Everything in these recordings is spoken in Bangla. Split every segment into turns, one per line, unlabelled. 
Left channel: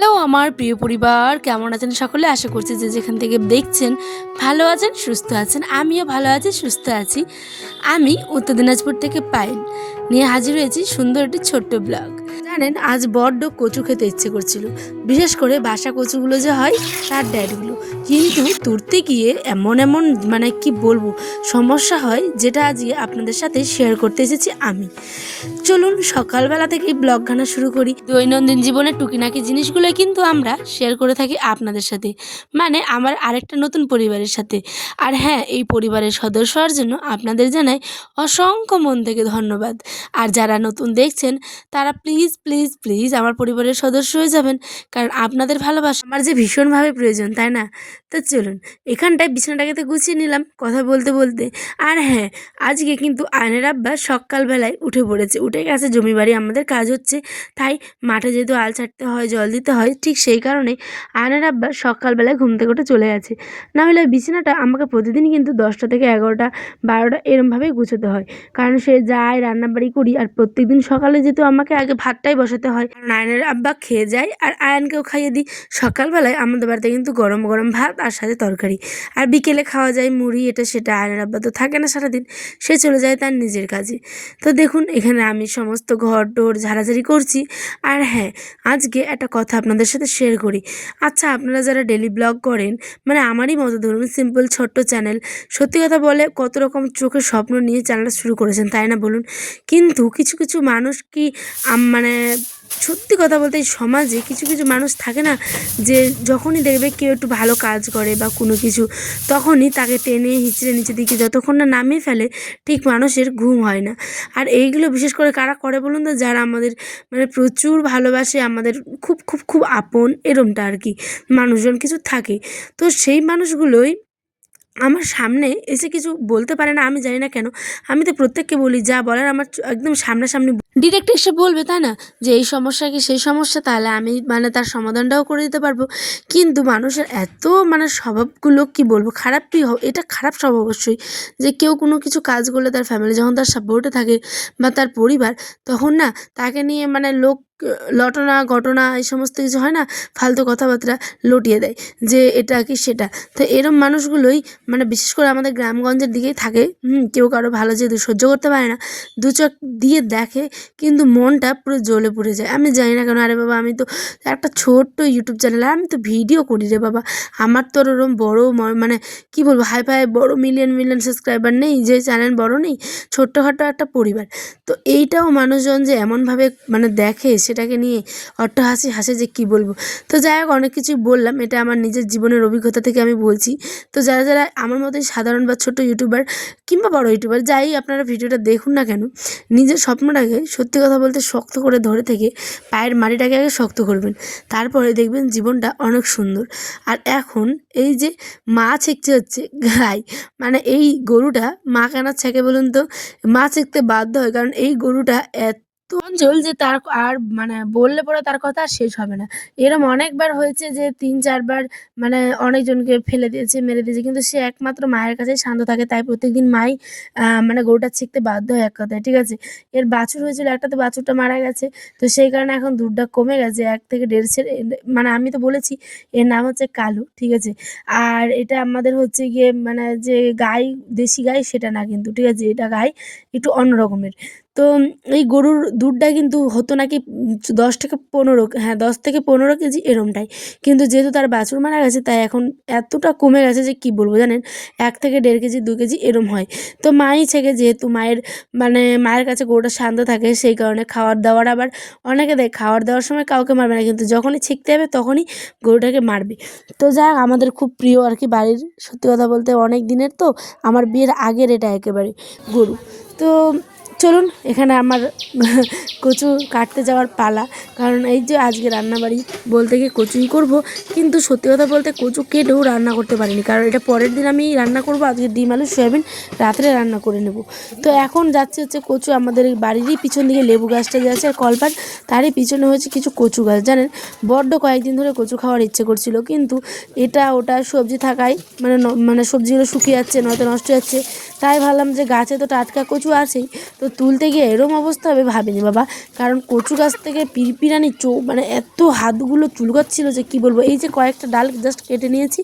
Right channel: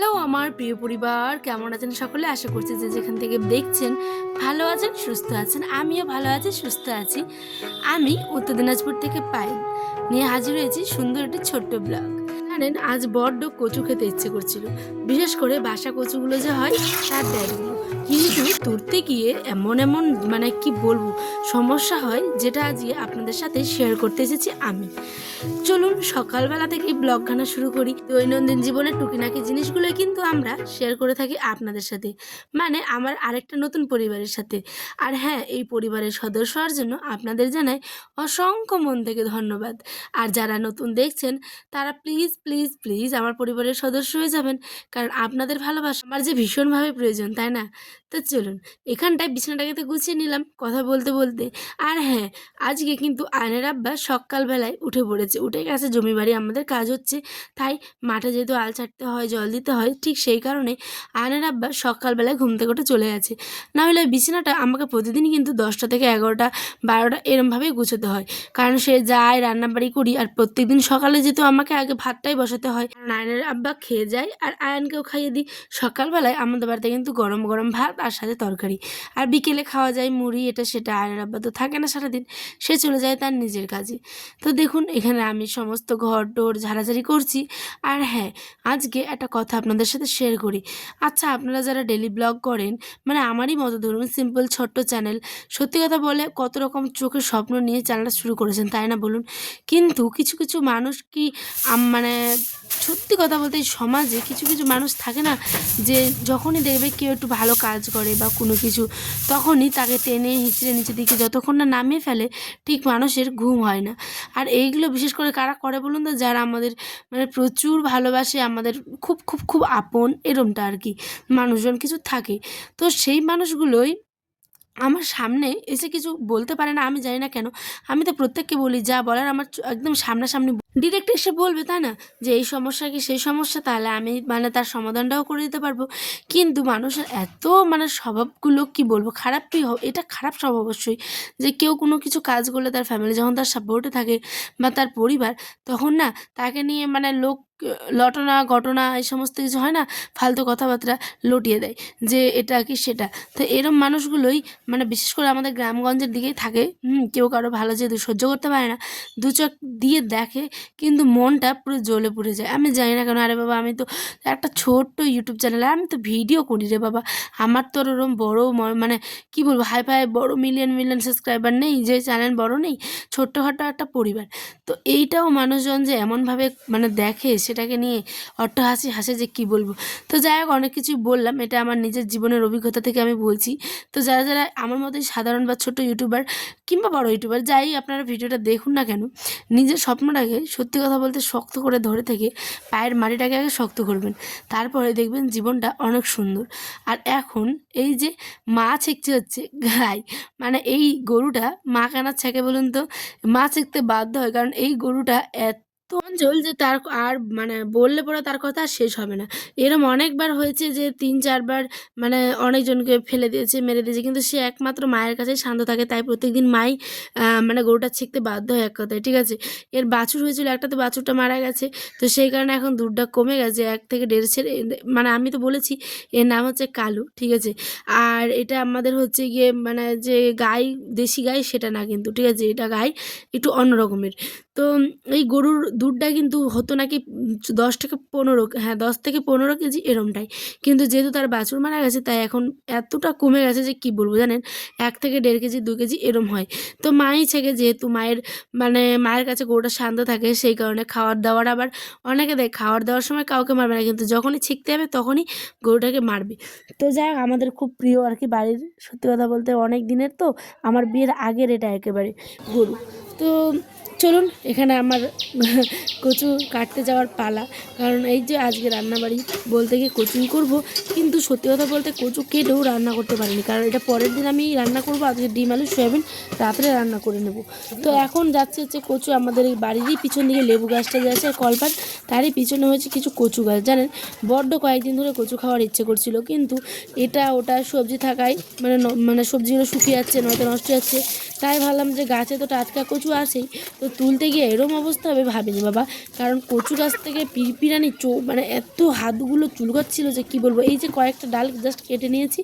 হ্যালো, আমার প্রিয় পরিবার, কেমন আছেন সকলে? আশা করছি যে যেখান থেকে দেখছেন ভালো আছেন, সুস্থ আছেন। আমিও ভালো আছি, সুস্থ আছি। আমি উত্তর দিনাজপুর থেকে পাইন নিয়ে হাজির হয়েছি সুন্দর একটি ছোট্ট ব্লগ। জানেন, আজ বড্ড কচু খেতে ইচ্ছে করছিল। বিশেষ করে বাসা কচুগুলো যে হয়, তার ড্যাডগুলো। কিন্তু তুলতে গিয়ে এমন এমন মানে কি বলব, সমস্যা হয় যেটা আজকে আপনাদের সাথে শেয়ার করতে এসেছি আমি। চলুন, সকালবেলা থেকেই ব্লগ গানা শুরু করি। দৈনন্দিন জীবনের টুকিনাকি জিনিসগুলো কিন্তু আমরা শেয়ার করে থাকি আপনাদের সাথে। মানে আমার আরেকটা নতুন পরিবারের সাথে। আর হ্যাঁ এই পরিবারের সদস্য হওয়ার জন্য আপনাদের জানাই অসংখ্য মন থেকে ধন্যবাদ। আর যারা নতুন দেখছেন, তারা প্লিজ প্লিজ প্লিজ আমার পরিবারের সদস্য হয়ে যাবেন। কারণ আপনাদের ভালোবাসা আমার যে ভীষণভাবে প্রয়োজন, তাই না? তো চলুন, এখানটায় বিছানাটাকে তো গুছিয়ে নিলাম, কথা বলতে বলতে। আর হ্যাঁ আজকে কিন্তু আয়নের আব্বা সকালবেলায় উঠে পড়েছে। উঠে গেছে, জমি বাড়ি আমাদের কাজ হচ্ছে। তাই মাঠে যেহেতু আল ছাড়তে হয়, জল দিতে হয়, ঠিক সেই কারণে আয়নের আব্বা সকালবেলায় ঘুম থেকে উঠে চলে আছে না হলে বিছানাটা আমাকে প্রতিদিন কিন্তু দশটা থেকে এগারোটা, বারোটা এরমভাবেই গুছোতে হয়। কারণ সে যায়, রান্নাবাড়ি করি, আর প্রত্যেকদিন সকালে যেহেতু আমাকে আগে ভাতটাই বসাতে হয়। আয়নের আব্বা খেয়ে যায়, আর আয়নকেও খাইয়ে দিই। সকালবেলায় আমাদের বাড়িতে কিন্তু গরম গরম ভাত আর সাথে তরকারি। আর বিকেলে খাওয়া যায় মুড়ি, এটা সেটা আয়নের আব্বা তো থাকে না সারাদিন, সে চলে যায় তার নিজের কাজে। তো দেখুন, এখানে আমি সমস্ত ঘর টোর ঝাড়াঝাড়ি করছি। আর হ্যাঁ আজকে একটা কথা আপনাদের সাথে শেয়ার করি। আচ্ছা আপনারা যারা ডেলি ব্লগ করেন মানে আমারই মতো ধরুন সিম্পল ছোট্ট চ্যানেল সত্যি কথা বলে কত রকম চোখের স্বপ্ন নিয়ে চ্যানেলটা শুরু করেছেন, তাই না বলুন? কিন্তু কিছু কিছু মানুষ কি মানে সত্যি কথা বলতে সমাজে কিছু কিছু মানুষ থাকে না, যে যখনই দেখবে কেউ একটু ভালো কাজ করে বা কোনো কিছু, তখনই তাকে টেনে হিঁচড়ে নিচে দিকে যতক্ষণ না নামিয়ে ফেলে, ঠিক মানুষের ঘুম হয় না। আর এইগুলো বিশেষ করে কারা করে বলুন তো? যারা আমাদের মানে প্রচুর ভালোবাসে, আমাদের খুব খুব খুব আপন, এরমটা আর কি। মানুষজন কিছু থাকে। তো সেই মানুষগুলোই আমার সামনে এসে কিছু বলতে পারে না, আমি জানি না কেন। আমি তো প্রত্যেককে বলি, যা বলার আমার একদম সামনাসামনি ডিরেক্ট এসে বলবে, তাই না? যে এই সমস্যা কি সেই সমস্যা, তাহলে আমি মানে তার সমাধানটাও করে দিতে পারব। কিন্তু মানুষের এত মানে স্বভাবগুলো, কি বলব খারাপই হোক এটা খারাপ স্বভাব অবশ্যই। যে কেউ কোনো কিছু কাজ করলে তার ফ্যামিলি যখন তার সাপোর্টে থাকে বা তার পরিবার, তখন না তাকে নিয়ে মানে লোক লটনা, ঘটনা, এই সমস্ত কিছু হয় না, ফালতু কথাবার্তা লটিয়ে দেয় যে এটা কি সেটা। তো এরম মানুষগুলোই মানে বিশেষ করে আমাদের গ্রামগঞ্জের দিকেই থাকে। কেউ কারও ভালো যেহেতু সহ্য করতে পারে না, দু চোখ দিয়ে দেখে কিন্তু মনটা পুরো জ্বলে পড়ে যায়। আমি জানি না কেন, আরে বাবা, আমি তো একটা ছোট্ট ইউটিউব চ্যানেল আমি তো ভিডিও করি রে বাবা। আমার তো ওরম বড় মানে কি বলব, হাই ফাই বড়ো মিলিয়ন মিলিয়ন সাবস্ক্রাইবার নেই, যে চ্যানেল বড় নেই, ছোট্টখাটো একটা পরিবার। তো এইটাও মানুষজন যে এমনভাবে মানে দেখে সেটাকে নিয়ে অট্ট হাসি যে কি বলব। তো যাই হোক, অনেক কিছুই বললাম, এটা আমার নিজের জীবনের অভিজ্ঞতা থেকে আমি বলছি। তো যারা যারা আমার মতোই সাধারণ বা ছোট ইউটিউবার কিংবা বড় ইউটিউবার, যাই আপনারা ভিডিওটা দেখুন না কেন, নিজের স্বপ্নটাকে সত্যি কথা বলতে শক্ত করে ধরে থেকে পায়ের মাটিটাকে আগে শক্ত করবেন। তারপরে দেখবেন জীবনটা অনেক সুন্দর। আর এখন এই যে মা ছেঁকতে হচ্ছে, গাই মানে এই গরুটা মা কেনার ছেঁকে বলুন তো, মা ছেঁকতে বাধ্য হয়। কারণ এই গরুটা এত অঞ্চল যে তার আর মানে বললে পরে তার কথা আর শেষ হবে না। এরম অনেকবার হয়েছে যে তিন চারবার মানে অনেকজনকে ফেলে দিয়েছে, মেরে দিয়েছে, কিন্তু সে একমাত্র মায়ের কাছে শান্ত থাকে, তাই প্রত্যেকদিন মাই মানে গরুটা ছিঁকতে বাধ্য হয় এক কথায়, ঠিক আছে? এর বাছুর হয়েছিল একটা তো বাছুরটা মারা গেছে, তো সেই কারণে এখন দুধটা কমে গেছে, এক থেকে দেড় ছেড়ে মানে আমি তো বলেছি, এর নাম হচ্ছে কালু, ঠিক আছে? আর এটা আমাদের হচ্ছে গিয়ে মানে যে গাই, দেশি গাই, সেটা না কিন্তু, ঠিক আছে? এটা গাই একটু অন্য রকমের। তো এই গরুর দুধটা কিন্তু হতো নাকি দশ থেকে পনেরো হ্যাঁ দশ থেকে পনেরো কেজি এরমটাই। কিন্তু যেহেতু তার বাছুর মারা গেছে, তাই এখন এতটা কমে গেছে যে কি বলব জানেন? এক থেকে দেড় কেজি, দু কেজি এরম হয়। তো মাই ছেকে যেহেতু মায়ের মানে মায়ের কাছে গরুটা শান্ত থাকে, সেই কারণে খাওয়ার দাওয়ার আবার অনেকে দেয়, খাওয়ার দেওয়ার সময় কাউকে মারবে না, কিন্তু যখনই ছিঁকতে হবে তখনই গরুটাকে মারবে। তো যাই আমাদের খুব প্রিয় আর কি বাড়ির, সত্যি কথা বলতে অনেক দিনের তো, আমার বিয়ের আগের এটা একেবারে গরু। তো চলুন, এখানে আমার কচু কাটতে যাওয়ার পালা। কারণ এই যে আজকে রান্নাবাড়ি বলতে গিয়ে কচুই করব, কিন্তু সত্যি কথা বলতে কচু কেটেও রান্না করতে পারিনি। কারণ এটা পরের দিন আমি রান্না করব, আজকে ডিম, আলু, সয়াবিন রাত্রে রান্না করে নেব। তো এখন যাচ্ছে হচ্ছে কচু আমাদের এই বাড়িরই পিছন দিকে লেবু গাছটা যে আছে কলপার তারই পিছনে হয়েছে কিছু কচু গাছ, জানেন? বড্ড কয়েকদিন ধরে কচু খাওয়ার ইচ্ছে করছিল, কিন্তু এটা, ওটা সবজি থাকায় মানে মানে সবজিগুলো শুকিয়ে যাচ্ছে, নয়তো নষ্ট যাচ্ছে। তাই ভাবলাম যে গাছে তো টাটকা কচু আছেই, তো তুলতে গিয়ে এরম অবস্থা হবে ভাবিনি বাবা। কারণ কচু গাছ থেকে পিরপিরানি চৌ মানে এত হাতগুলো চুলকাচ্ছিল যে কি বলব, এই যে কয়েকটা ডাল জাস্ট কেটে নিয়েছি।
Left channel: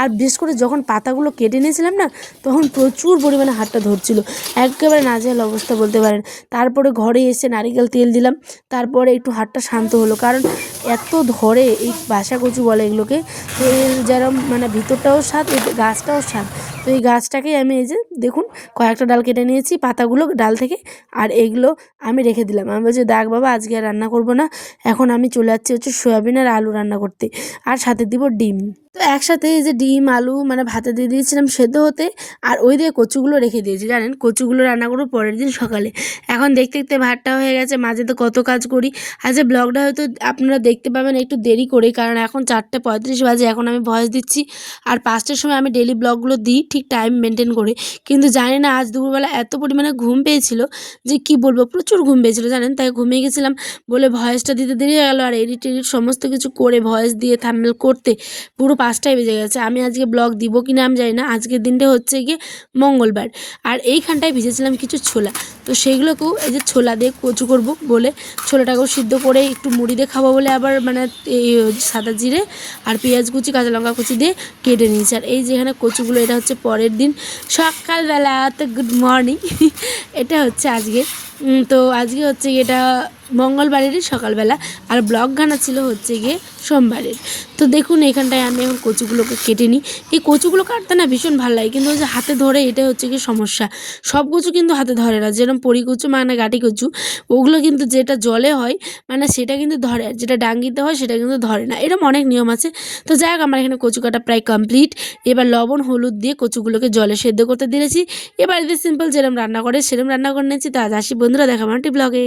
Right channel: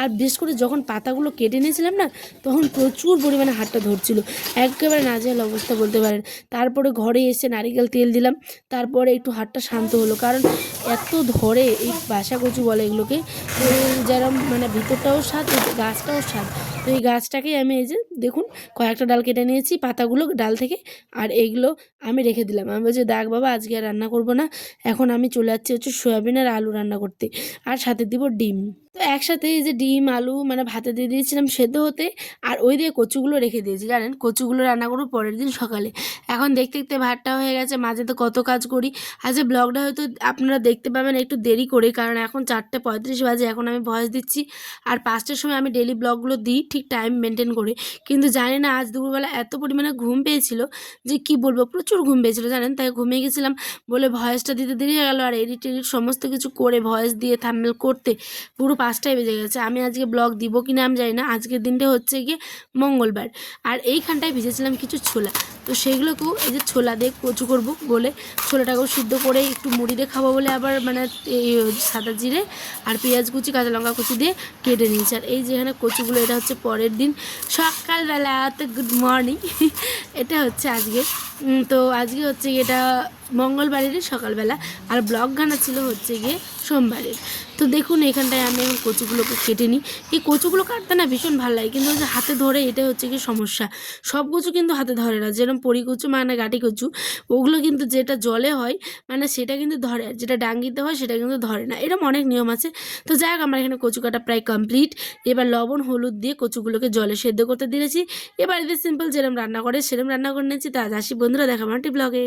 আর বিশেষ করে যখন পাতাগুলো কেটে নিয়েছিলাম না, তখন প্রচুর পরিমাণে হাতটা ধরছিল। একেবারে নাজেহাল অবস্থা বলতে পারেন। তারপরে ঘরে এসে নারিকেল তেল দিলাম, তারপরে একটু হাতটা শান্ত হলো। কারণ এত ধরে এই বাসা কচু বলে এগুলোকে যেরম মানে ভিতরটাও স্বাদ, গাছটাও স্বাদ। তো এই গাছটাকেই আমি এই যে, দেখুন কয়েকটা ডাল কেটে নিয়েছি, পাতাগুলো ডাল থেকে, আর এইগুলো আমি রেখে দিলাম। আমি বলছি, দেখ বাবা, আজকে আর রান্না করব না। এখন আমি চলে যাচ্ছি হচ্ছে সয়াবিন আর আলু রান্না করতে। আর সাথে দিব ডিম। তো একসাথে এই যে ডিম, আলু মানে ভাতে দিয়ে দিয়েছিলাম সেদ্ধ হতে আর ওই দিয়ে কচুগুলো রেখে দিয়েছি, জানেন? কচুগুলো রান্না করব পরের দিন সকালে। এখন দেখতে দেখতে ভাতটা হয়ে গেছে, মাঝে তো কত কাজ করি। আজকে ব্লগটা হয়তো আপনারা দেখতে পাবেন একটু দেরি করে, কারণ এখন চারটে পঁয়ত্রিশ বাজে, এখন আমি ভয়েস দিচ্ছি। আর পাঁচটার সময় আমি ডেলি ব্লগগুলো দিই, ঠিক টাইম মেনটেন করে। কিন্তু জানি না, আজ দুপুরবেলা এত পরিমাণে ঘুম পেয়েছিল যে কি বলব, প্রচুর ঘুম পেয়েছিল, জানেন? তাই ঘুমিয়ে গেছিলাম বলে ভয়েসটা দিতে দেরি হয়ে গেলো। আর এডিট এডিট সমস্ত কিছু করে, ভয়েস দিয়ে থাম্বেল করতে পুরো পাঁচটায় বেজে গেছে। আমি আজকে ব্লগ দিব কি না আমি জানি না। আজকের দিনটা হচ্ছে গিয়ে মঙ্গলবার। আর এইখানটায় ভিজেছিলাম কিছু ছোলা। তো সেইগুলোকেও এই যে ছোলা দিয়ে কচু করব বলে ছোলাটাকেও সিদ্ধ করে একটু মুড়ি দিয়ে খাব বলে আবার মানে এই সাদা জিরে আর পেঁয়াজ কুচি, কাঁচা লঙ্কা কুচি দিয়ে কেটে নিয়েছি। আর এই যেখানে কচুগুলো, এটা হচ্ছে পরের দিন। সকালবেলা তো গুড মর্নিং এটা হচ্ছে আজকে। তো আজকে হচ্ছে এটা মঙ্গলবারেরই সকালবেলা আর ব্লগ গানা ছিল হচ্ছে গিয়ে সোমবারের। তো দেখুন, এখানটায় আমি এখন কচুগুলোকে কেটে নিই। এই কচুগুলো কাটতে না ভীষণ ভালো লাগে, কিন্তু হাতে ধরে এটা হচ্ছে কি সমস্যা। সব কচু কিন্তু হাতে ধরে না, যেরকম পরি কচু মানে গাটি কচু, ওগুলো কিন্তু যেটা জলে হয় মানে সেটা কিন্তু ধরে আর যেটা ডাঙ্গিতে হয় সেটা কিন্তু ধরে না। এরকম অনেক নিয়ম আছে। তো যাই হোক, আমার এখানে কচু কাটা প্রায় কমপ্লিট এবার লবণ, হলুদ দিয়ে কচুগুলোকে জলে সেদ্ধ করতে দিয়েছি। এবার এদের সিম্পল যেরকম রান্না করে, সেরকম রান্না করে নিয়েছি। তা আসি বন্ধুরা, দেখা মাটি ব্লগে